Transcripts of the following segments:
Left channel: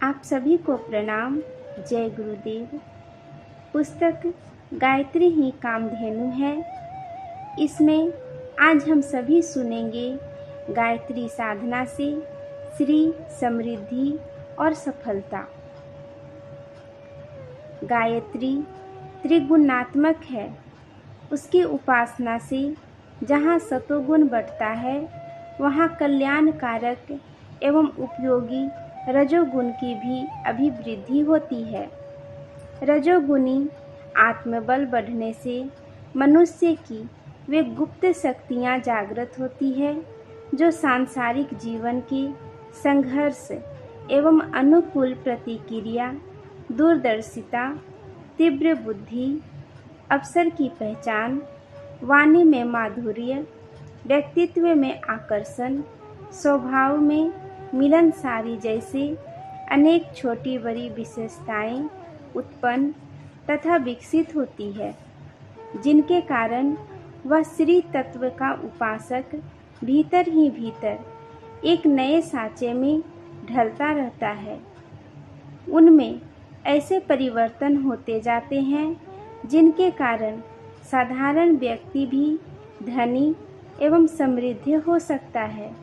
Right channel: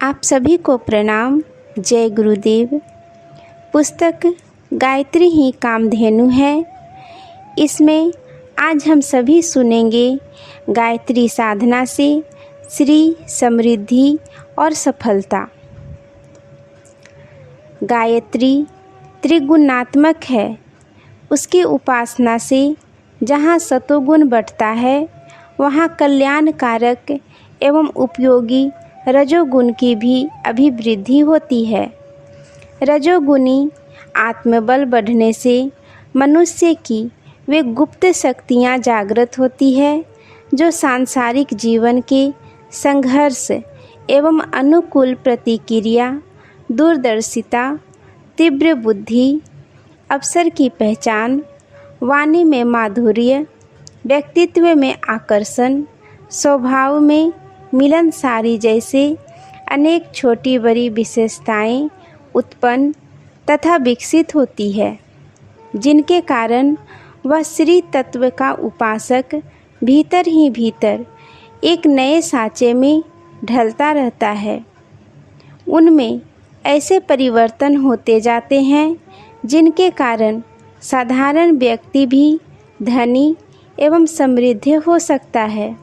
आप सभी को प्रणाम। जय गुरुदेव। पुस्तक गायत्री ही कामधेनु है। इसमें आज हम सभी सुनेंगे गायत्री साधना से श्री समृद्धि और सफलता। गायत्री त्रिगुणात्मक है। उसकी उपासना से जहाँ सतोगुण बढ़ता है वहाँ कल्याणकारक एवं उपयोगी रजोगुण की भी अभिवृद्धि होती है। रजोगुणी आत्मबल बढ़ने से मनुष्य की वे गुप्त शक्तियाँ जागृत होती है जो सांसारिक जीवन के संघर्ष एवं अनुकूल प्रतिक्रिया, दूरदर्शिता, तीव्र बुद्धि, अवसर की पहचान, वाणी में माधुर्य, व्यक्तित्व में आकर्षण, स्वभाव में मिलनसारी जैसे अनेक छोटी बड़ी विशेषताएं उत्पन्न तथा विकसित होती है, जिनके कारण वह श्री तत्व का उपासक भीतर ही भीतर एक नए साँचे में ढलता रहता है। उनमें ऐसे परिवर्तन होते जाते हैं जिनके कारण साधारण व्यक्ति भी धनी एवं समृद्ध हो सकता है।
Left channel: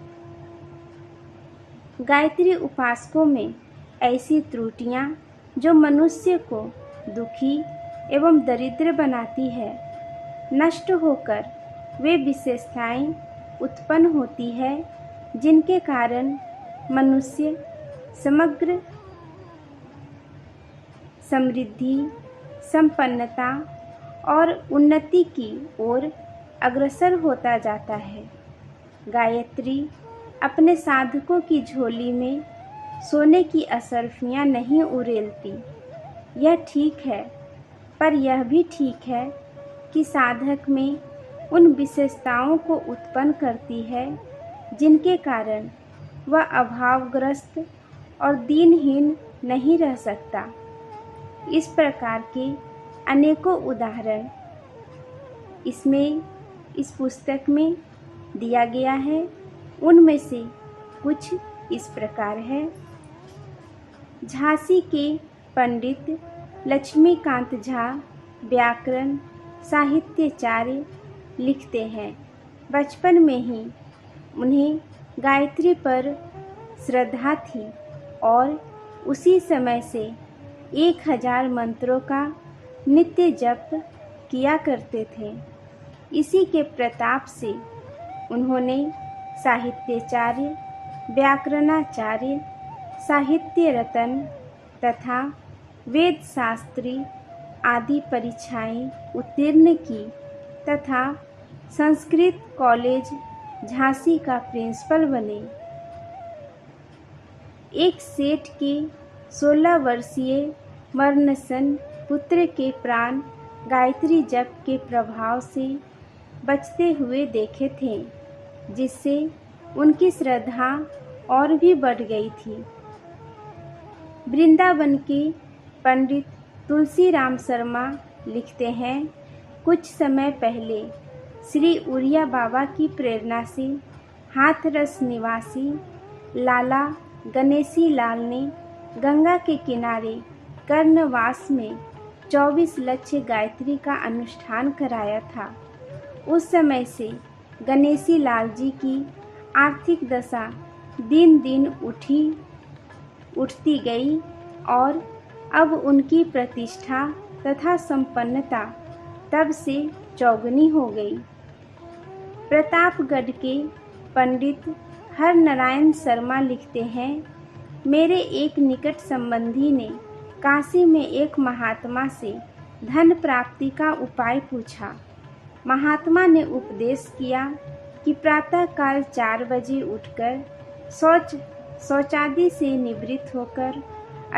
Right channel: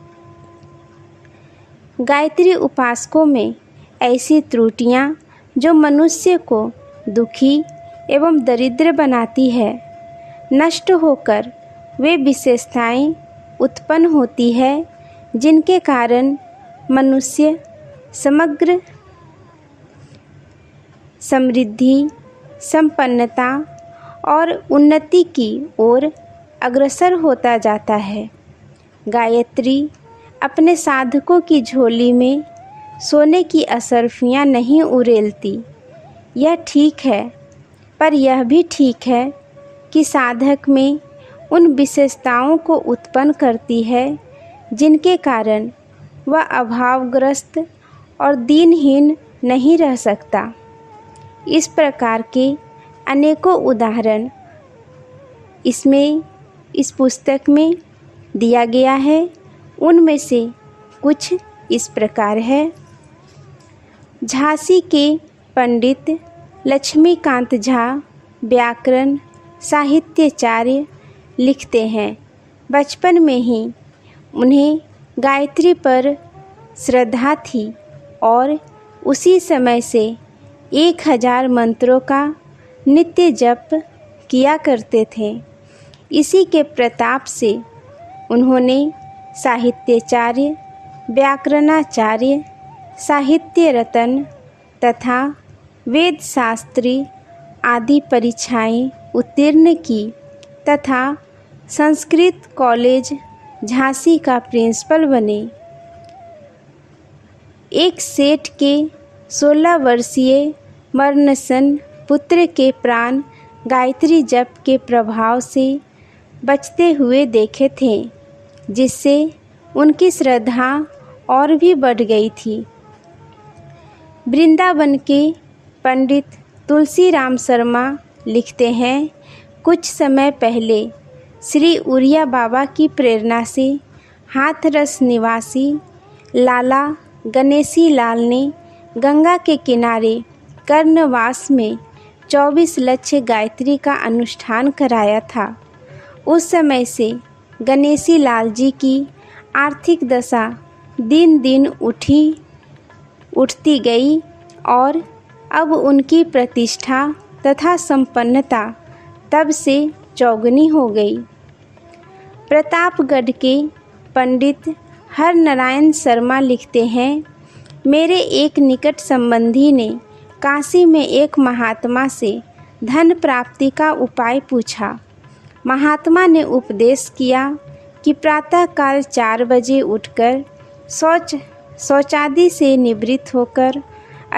गायत्री उपासकों में ऐसी त्रुटियां जो मनुष्य को दुखी एवं दरिद्र बनाती है, नष्ट होकर वे विशेषताएं उत्पन्न होती है जिनके कारण मनुष्य समग्र समृद्धि, संपन्नता और उन्नति की ओर अग्रसर होता जाता है। गायत्री अपने साधकों की झोली में सोने की असरफियाँ नहीं उड़ेलती। यह ठीक है, पर यह भी ठीक है कि साधक में उन विशेषताओं को उत्पन्न करती है जिनके कारण वह अभावग्रस्त और दीनहीन नहीं रह सकता। इस प्रकार के अनेकों उदाहरण इस पुस्तक में दिया गया है। उनमें से कुछ इस प्रकार है। झांसी के पंडित लक्ष्मीकांत झा व्याकरण साहित्याचार्य लिखते हैं, बचपन में ही उन्हें गायत्री पर श्रद्धा थी और उसी समय से 1000 मंत्रों का नित्य जप किया करते थे। इसी के प्रताप से उन्होंने साहित्याचार्य, व्याकरणाचार्य, साहित्य रत्न तथा वेद शास्त्री आदि परीक्षाएं उत्तीर्ण की तथा संस्कृत कॉलेज झांसी का प्रिंसिपल बने। एक सेठ के 16 वर्षीय मरणसन पुत्र के प्राण गायत्री जप के प्रभाव से बचते हुए देखे थे, जिससे उनकी श्रद्धा और भी बढ़ गई थी। वृंदावन के पंडित तुलसीराम शर्मा लिखते हैं, कुछ समय पहले श्री उड़िया बाबा की प्रेरणा से हाथरस निवासी लाला गणेशी लाल ने गंगा के किनारे कर्णवास में 24 लक्ष्य गायत्री का अनुष्ठान कराया था। उस समय से गणेशी लाल जी की आर्थिक दशा दिन दिन उठती गई और अब उनकी प्रतिष्ठा तथा संपन्नता तब से चौगुनी हो गई। प्रतापगढ़ के पंडित हरनारायण शर्मा लिखते हैं, मेरे एक निकट संबंधी ने काशी में एक महात्मा से धन प्राप्ति का उपाय पूछा। महात्मा ने उपदेश किया कि प्रातःकाल 4 बजे उठकर शौचादि से निवृत्त होकर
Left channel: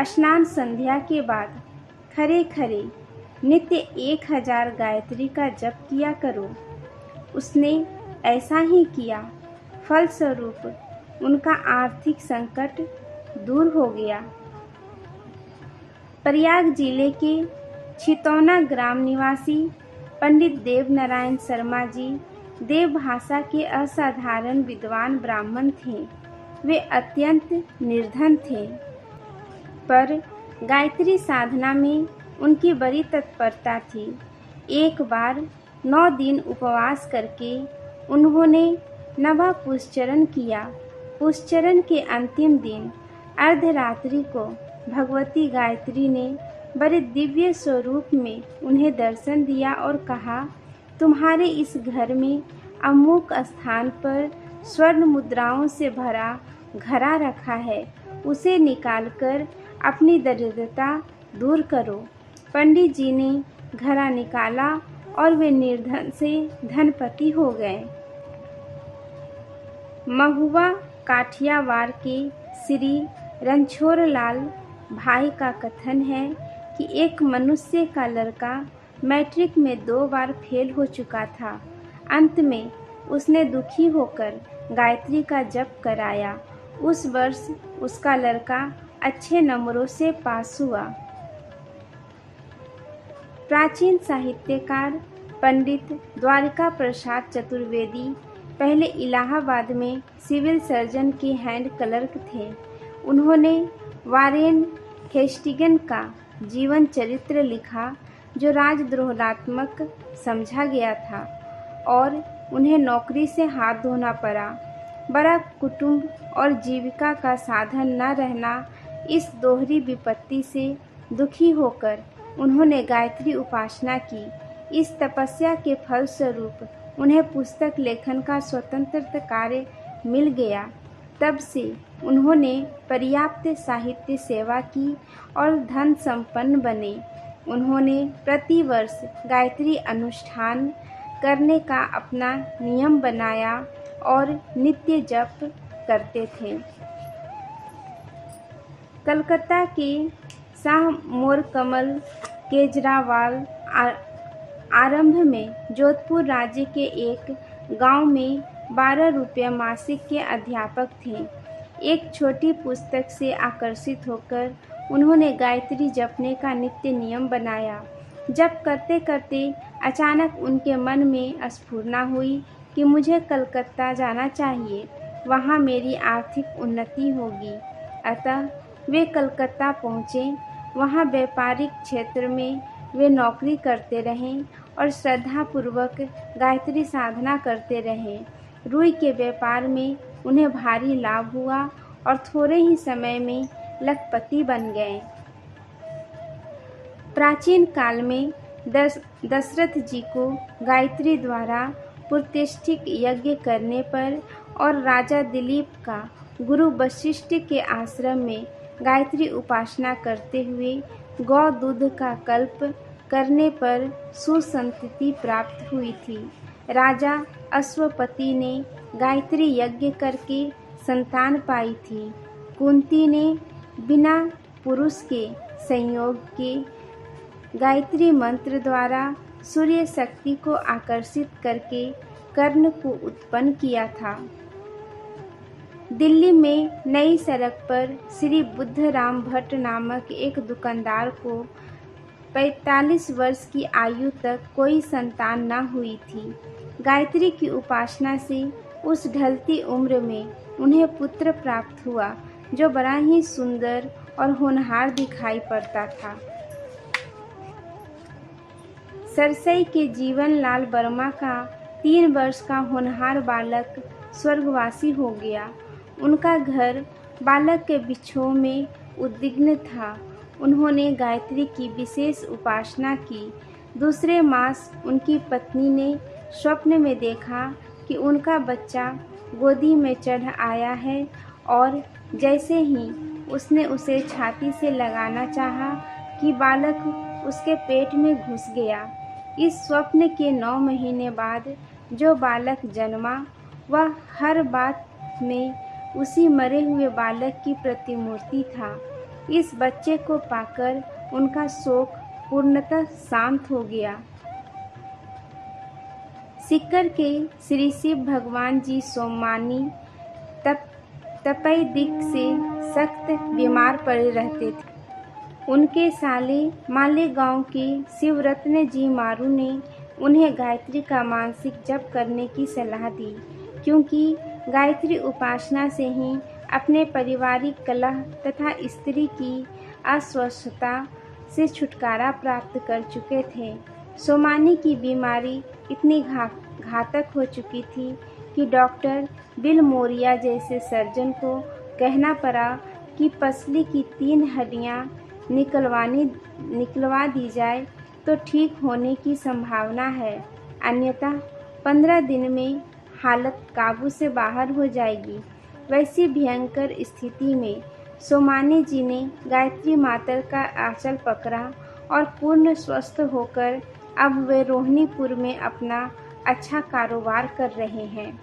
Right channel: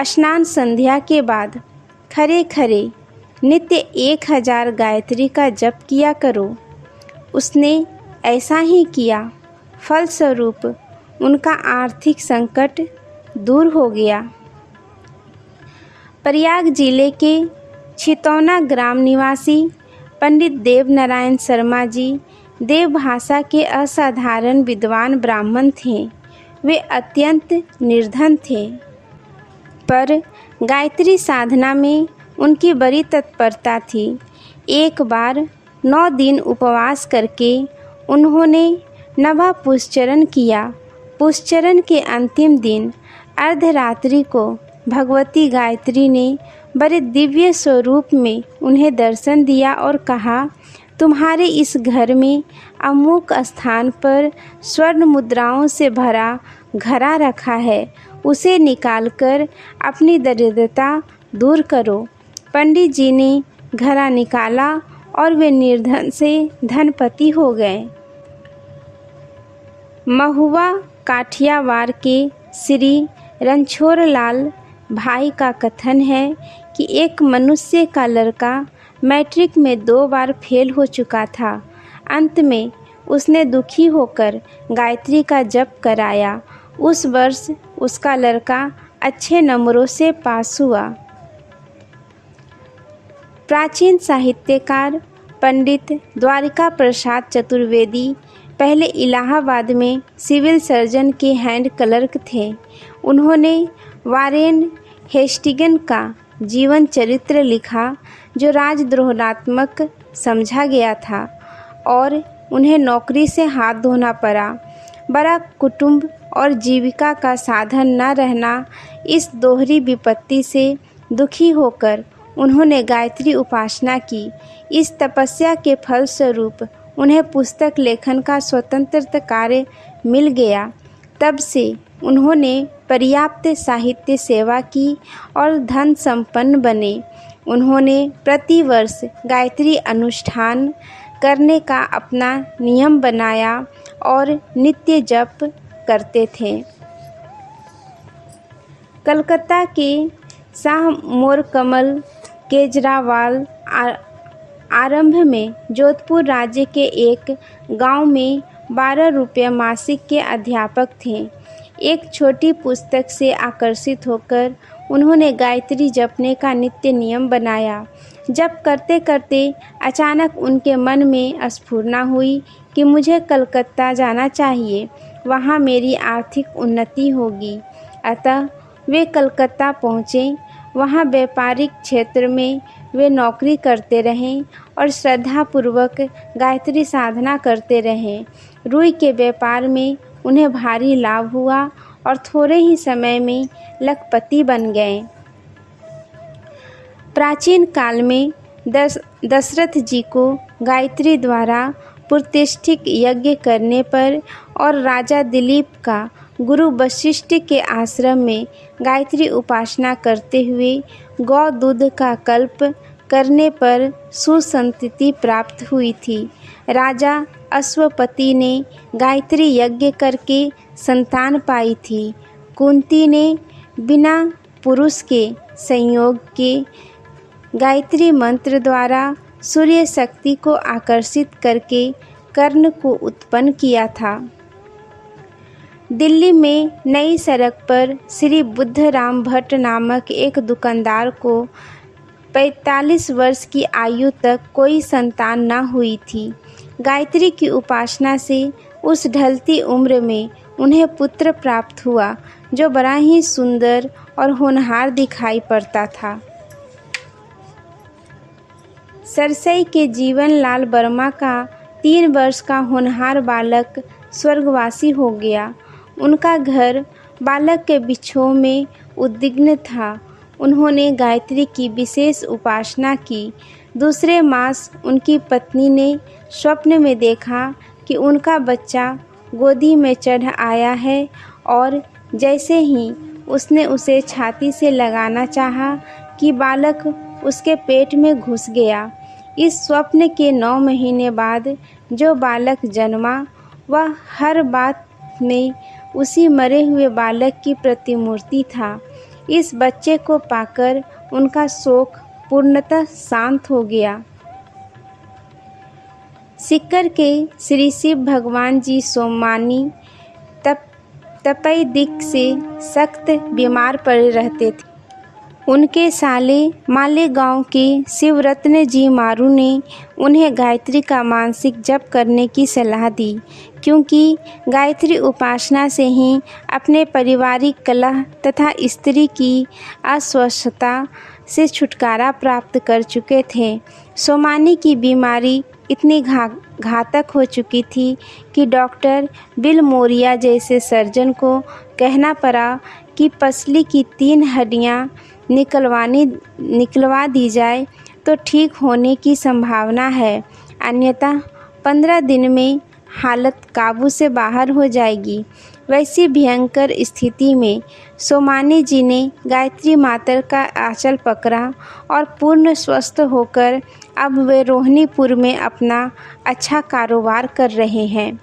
स्नान संध्या के बाद खरे खरे नित्य 1000 गायत्री का जप किया करो। उसने ऐसा ही किया। फलस्वरूप उनका आर्थिक संकट दूर हो गया। प्रयाग जिले के छितौना ग्राम निवासी पंडित देवनारायण शर्मा जी देव भाषा के असाधारण विद्वान ब्राह्मण थे। वे अत्यंत निर्धन थे। पर गायत्री साधना में उनकी बड़ी तत्परता थी। एक बार 9 दिन उपवास करके उन्होंने नवा पुष्चरण किया। पुष्चरण के अंतिम दिन अर्धरात्रि को भगवती गायत्री ने बड़े दिव्य स्वरूप में उन्हें दर्शन दिया और कहा, तुम्हारे इस घर में अमुक स्थान पर स्वर्ण मुद्राओं से भरा घड़ा रखा है, उसे निकालकर अपनी दरिद्रता दूर करो। पंडित जी ने घड़ा निकाला और वे निर्धन से धनपति हो गए। महुआ काठियावाड़ के श्री रणछोड़लाल भाई का कथन है कि एक मनुष्य का लड़का मैट्रिक में 2 बार फेल हो चुका था। अंत में उसने दुखी होकर गायत्री का जप कराया। उस वर्ष उसका लड़का अच्छे नंबरों से पास हुआ। प्राचीन साहित्यकार पंडित द्वारिका प्रसाद चतुर्वेदी पहले इलाहाबाद में सिविल सर्जन के हैंड क्लर्क थे। उन्होंने वारेन हेस्टिंग्स का जीवन चरित्र लिखा जो राजद्रोहात्मक समझा गया था और उन्हें नौकरी से हाथ धोना पड़ा। बड़ा कुटुंब और जीविका का साधन न रहना, इस दोहरी विपत्ति से दुखी होकर उन्होंने गायत्री उपासना की। इस तपस्या के फलस्वरूप उन्हें पुस्तक लेखन का स्वतंत्र कार्य मिल गया। तब से उन्होंने पर्याप्त साहित्य सेवा की और धन संपन्न बने। उन्होंने प्रतिवर्ष गायत्री अनुष्ठान करने का अपना नियम बनाया और नित्य जप करते थे। कलकत्ता के शाह मोरकमल केजरीवाल आरंभ में जोधपुर राज्य के एक गांव में 12 रुपये मासिक के अध्यापक थे। एक छोटी पुस्तक से आकर्षित होकर उन्होंने गायत्री जपने का नित्य नियम बनाया। जप करते करते अचानक उनके मन में स्फुरना हुई कि मुझे कलकत्ता जाना चाहिए, वहाँ मेरी आर्थिक उन्नति होगी। अतः वे कलकत्ता पहुँचे। वहाँ व्यापारिक क्षेत्र में वे नौकरी करते रहें और श्रद्धापूर्वक गायत्री साधना करते रहें। रुई के व्यापार में उन्हें भारी लाभ हुआ और थोड़े ही समय में लखपति बन गए। प्राचीन काल में दशरथ जी को गायत्री द्वारा प्रतिष्ठित यज्ञ करने पर और राजा दिलीप का गुरु वशिष्ठ के आश्रम में गायत्री उपासना करते हुए गौ दूध का कल्प करने पर सुसंतति प्राप्त हुई थी। राजा अश्वपति ने गायत्री यज्ञ करके संतान पाई थी। कुंती ने बिना पुरुष के संयोग के गायत्री मंत्र द्वारा सूर्य शक्ति को आकर्षित करके कर्ण को उत्पन्न किया था। दिल्ली में नई सड़क पर श्री बुद्धराम भट्ट नामक एक दुकानदार को 45 वर्ष की आयु तक कोई संतान न हुई थी। गायत्री की उपासना से उस ढलती उम्र में उन्हें पुत्र प्राप्त हुआ जो बड़ा ही सुंदर और होनहार दिखाई पड़ता था। सरसई के जीवन लाल वर्मा का 3 वर्ष का होनहार बालक स्वर्गवासी हो गया। उनका घर बालक के बिछोह में उद्विग्न था। उन्होंने गायत्री की विशेष उपासना की। दूसरे मास उनकी पत्नी ने स्वप्न में देखा कि उनका बच्चा गोदी में चढ़ आया है और जैसे ही उसने उसे छाती से लगाना चाहा कि बालक उसके पेट में घुस गया। इस स्वप्न के 9 महीने बाद जो बालक जन्मा वह हर बात में उसी मरे हुए बालक की प्रतिमूर्ति था। इस बच्चे को पाकर उनका शोक पूर्णतः शांत हो गया। सीकर के श्री शिव भगवान जी सोमानी तपेदिक से सख्त बीमार पड़े रहते थे। उनके साले मालेगांव के शिवरत्न जी मारू ने उन्हें गायत्री का मानसिक जप करने की सलाह दी, क्योंकि गायत्री उपासना से ही अपने पारिवारिक कलह तथा स्त्री की अस्वस्थता से छुटकारा प्राप्त कर चुके थे। सोमानी की बीमारी इतनी घातक हो चुकी थी कि डॉक्टर बिल मोरिया जैसे सर्जन को कहना पड़ा कि पसली की 3 हड्डियां निकलवा दी जाए तो ठीक होने की संभावना है, अन्यथा 15 दिन में हालत काबू से बाहर हो जाएगी। वैसी भयंकर स्थिति में सोमानी जी ने गायत्री माता का आंचल पकड़ा और पूर्ण स्वस्थ होकर अब वे रोहिणीपुर में अपना अच्छा कारोबार कर रहे हैं।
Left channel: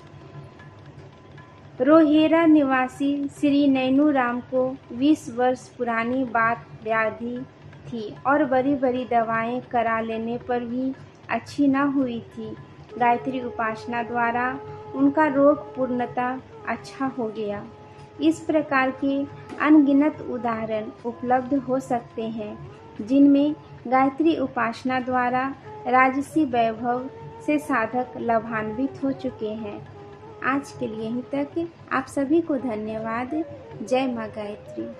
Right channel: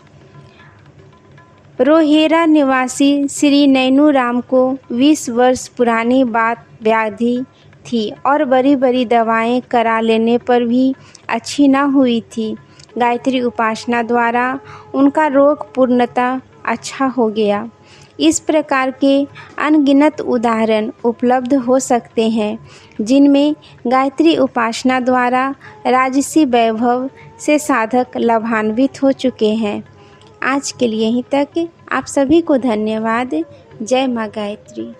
रोहेरा निवासी श्री नैनू राम को 20 वर्ष पुरानी बात व्याधि थी और बड़ी बड़ी दवाएं करा लेने पर भी अच्छी न हुई थी। गायत्री उपासना द्वारा उनका रोग पूर्णतः अच्छा हो गया। इस प्रकार के अनगिनत उदाहरण उपलब्ध हो सकते हैं जिनमें गायत्री उपासना द्वारा राजसी वैभव से साधक लाभान्वित हो चुके हैं। आज के लिए यहीं तक। आप सभी को धन्यवाद। जय माँ गायत्री।